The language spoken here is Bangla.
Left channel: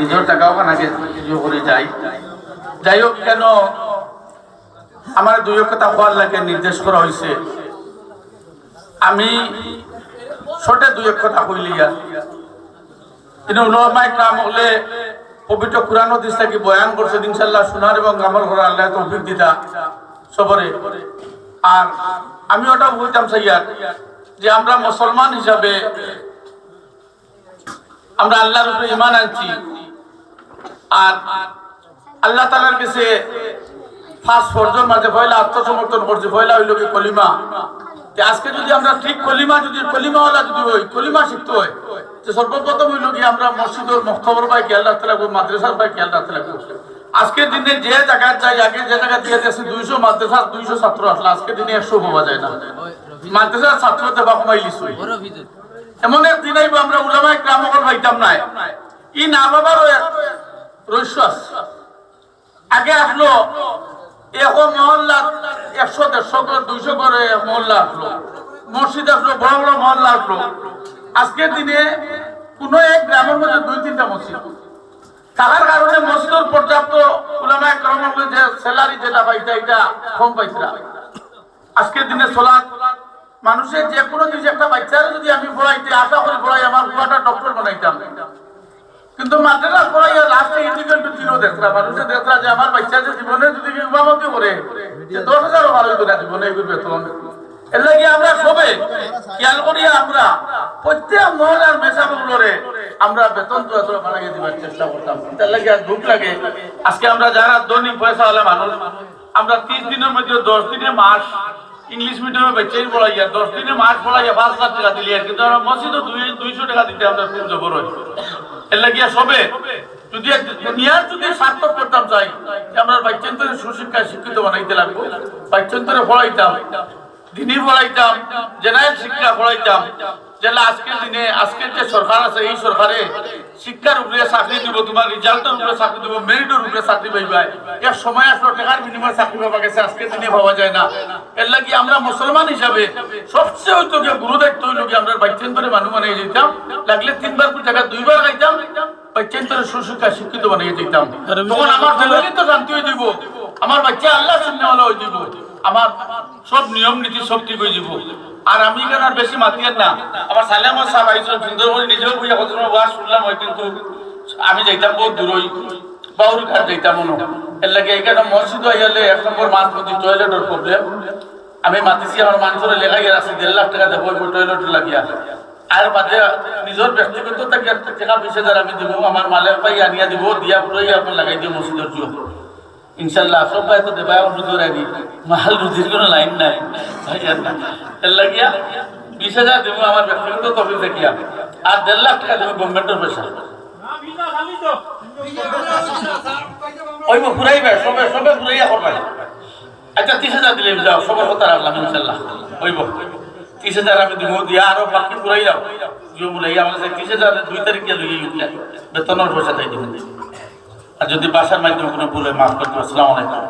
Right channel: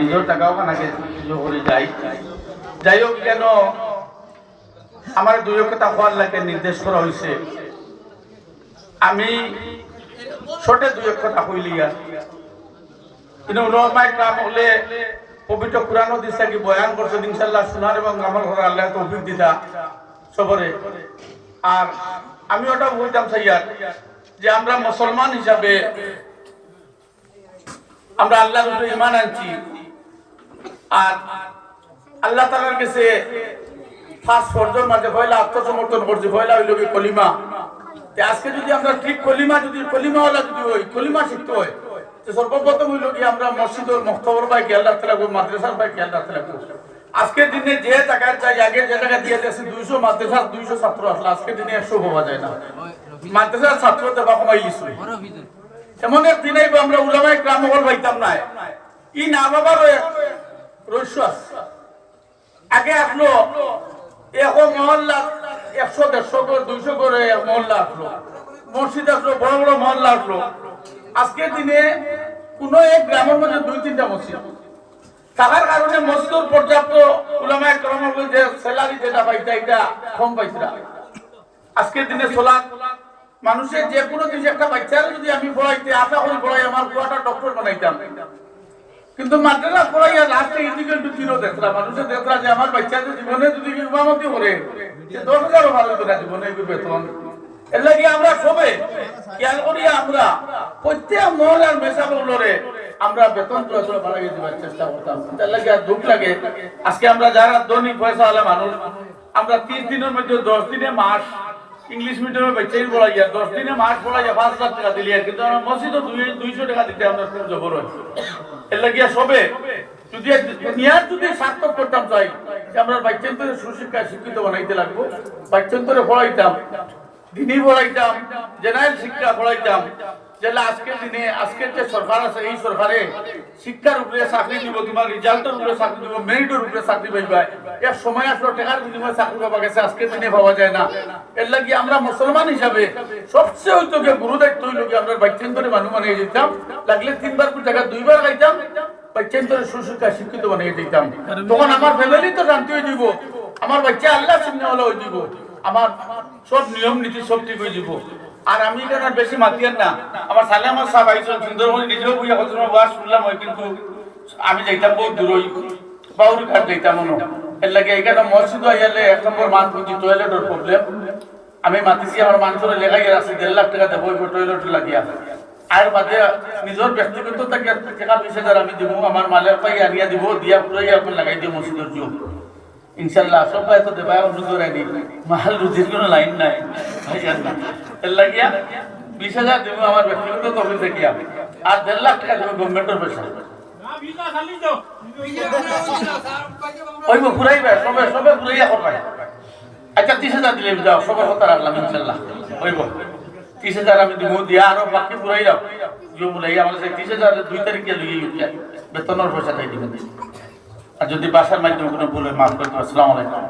নিজের টাকাও কানাকে করে যাই। যাই হোক, কেন আমার দুই কথা হওয়ার লাগে নির্দেশ করা হয়েছে, আমি ছোটে দুই কথা কইলিয়া কিন্তু উলামায়ে কেরাম হলে পবিত্র কুরআন হাদিস থেকে বয়ান করছে, ইনশাআল্লাহ শোনার এবং আমল করার আল্লাহ তৌফিক দিতা সবরে। আর আমি ওটা বলতাম সাইয়া যে আমরা মুসলমান হিসাবে আমরা আল্লাহর উপরে ঈমান আনছি, আর আল্লাহ তাআলার কাছে পাঁচ ফরজের মাঝে পয়লা আত্মসমর্পণ করছি, পয়লা হইল কি কলিমা। আজকে যদি আমরা ঠিক কলিমাওয়ালা যদি হই, কলিমা শিখতে হয়, যে সর্বপ্রথম হইল কি আমরা মসজিদের মুখতবর পাই খেয়াল রাখতে লাগবো, মাদ্রাসার পাই খেয়াল রাখতে লাগবো। আজকের দিনে যে জায়গায় যাই, আগে যে জায়গায় দিয়ে যাচ্ছে 200 মাদ্রাসা 200 ছাত্র আসলে আজকের দিনে 100 পাওয়া যায় না। মাদ্রাসার ছাত্র দেবা কমাই লিছু, এমন এক দিনে আমরা উলামায়ে কেরাম হল পাইতাম না। ই না বাবার রহস্য আগে আসলো, এখন মহল্লা 100 150 করে 200 করে মহল্লা আসলো, মসজিদ আসলো, বড় বড় মহল্লা আসলো। আজকের দিনে কোন এক গ্রামের মধ্যে 2-3টা মসজিদ থাকার কারণে মসজিদের পর্যাপ্ত উলামায়ে কেরাম যে স্যালারি যেটা পাইতা এটা কম পাইছিলাম। আজকের দিনে সালাত মানুষের যে কোনো কিছু, একটা বাচ্চারা যদি আমি পড়াইতে আশা করি পড়াই আমার বুয়াটা ডক্টর বানাইতাম, কিন্তু মাদ্রাসা পড়াইয়া লাস্টে ইন্ডিকেল টু জিরো দেখলাম। মানুষের দেখলা যে আমার বাচ্চাদের জীবনে যদি ইমামতি করে যে 10,000 ভালো হইতো না জীবনে এই বেতন। এর লাগে আমরা সবে খেয়াল করি, আমরা প্রত্যেক মহল্লার মেসাবগুলোরে আমরা বেতন বাড়াইয়ে দেওয়ার চেষ্টা করতাম। এর লাগে আর দুঃখ লাগে আজকে আমরা যারা দৈনিক পয়সা হলে মানুষ, আমরা 30 দিনের মধ্যে 10 দিনে মাস ইংলিশ মিডিয়ামে বাচ্চাই পড়াইয়া 10 দিনে মাস পড়াইয়া 5 লাখ টাকা দিলি, কিন্তু আমরা মসজিদে 200 টাকা দিতে আমরা খুব জবর হয়। এর লাগিয়া সবে যদি দুনিয়ার যদি সার্থক করতাম চাই যে আমরা বাচ্চান্তরে সুশিক্ষায় শিক্ষিত বানাইতে লাগবো, বাচ্চান্তরে পড়াইতাম, দিনই পড়াইতাম, জেনারেল শিক্ষা পড়াইতাম, যেটা আজকের দিনে আজকের যে সরকার আছে এই সরকারে শিক্ষার উপরে চাকরি দিব, তোমার রেজাল্টের উপরে চাকরি দিব, মেরিটের উপরে চাকরি পাইবা। এক সময় আসলো টাকার বিনিময়ে চাকরি পাওয়া গেছে, আজকের দিনে পাওয়া যায় না। এর লাগে আমরা মুসলমান হিসাবে সবচেয়ে হইতো যে গুরু দায়িত্ব হইল কি আমরা বাচ্চান্তরে মানুষ বানিয়ে যেতাম, লাগলে 3 বার টাকা 2 বার খাইতাম, বাচ্চান্তরে সুশিক্ষা শিক্ষিত বানিয়ে যেতাম। তখন আমার ফ্যামিলি তো শান্তি হয়ে দিব, আমার বাচ্চা আল্লাহ শুননে হলে হয়ে দিব, আমার সব নিয়ম নীতি সব ঠিক হয়ে যাব। আর আমি কেন আর বেশি মাতিয়ার না, আমার সাইলাম সাহেব আইসন সুন্দরবন নিজেও বুঝা কত ওয়াজ শুনলাম, ওই কিন্তু আমি যাইতাম বহুত দূর, ওই বাউরি ঘাট যাইতাম মনে। এর লাগে এখানে মসজিদ হয়ে গেলে 1 নম্বর মাছ বুঝি টয়লেটের প্রবলেম। আমি মাতিছি আমার মানুষের লেগাইয়া আছে 1.5 লাখ টাকা দেবো টয়লেট লাগিয়া, আর বাদে নিজের ব্যক্তিগত টাকা 20,000 আমি দিব, আমার মালের পাই আনিয়া দিব, দিয়া পুরাই আপনার লাগাই দিব মসজিদের জন্য ইনশাল্লাহ। সব ভাই তো দেবায় অনুরোধ রাখি, মাল রুজির কোনো লাইন নাই ভাইয়ার না। এর লাগিয়া 20,000 দেবো আমার ব্যক্তিগত তহবিল দেখিয়া, আর 1.5 লাখ টাকা দেবো গভর্নমেন্টের পয়সা। ওই ঘুরাইবে সবে সবে ঘুরাইয়া করবে। আচ্ছা 30,000 দিলে যাও, সবার কথা রাখলাম ইনশাল্লাহ। ওইব 30,000 আমি দিব, দিয়া আরো বাকি ঘুরাই যাও জিও বলে আমরা 30,000 2 তারিখে লইয়ে বেতনের পয়সা তাই দিবেন। আর যদি বাসার মাধ্যমে কোনো ভুলে মাফ করতে, আসসালামু আলাইকুম।